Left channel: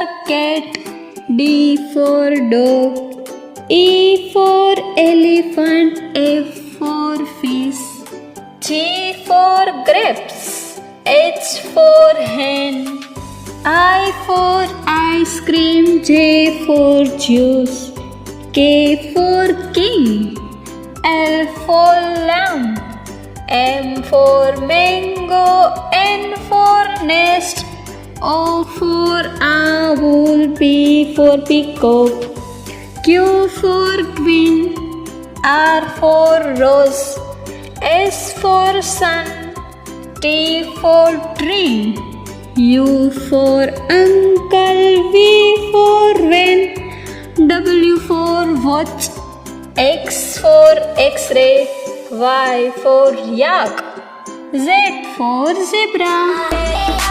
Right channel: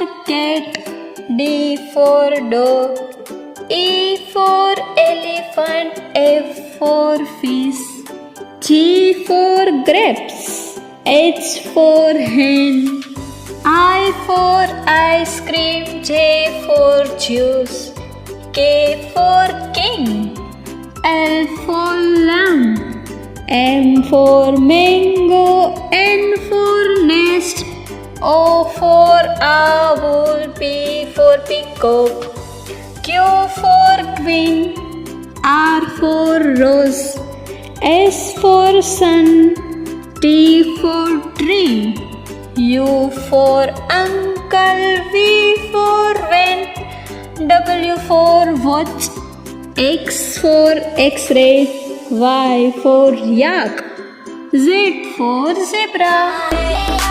cat, D for dog, E for elephant, F for fish, G for grapes, H for hen, I for ice cream, J for juice, K for king, L for lamb, M for mango, N for nest, O for owl, P for peacock, Q for queen, R for rose, S for sun, T for tree, U for uncle, V for van, W for watch, X for x-ray, Y for yak, Z for zebra.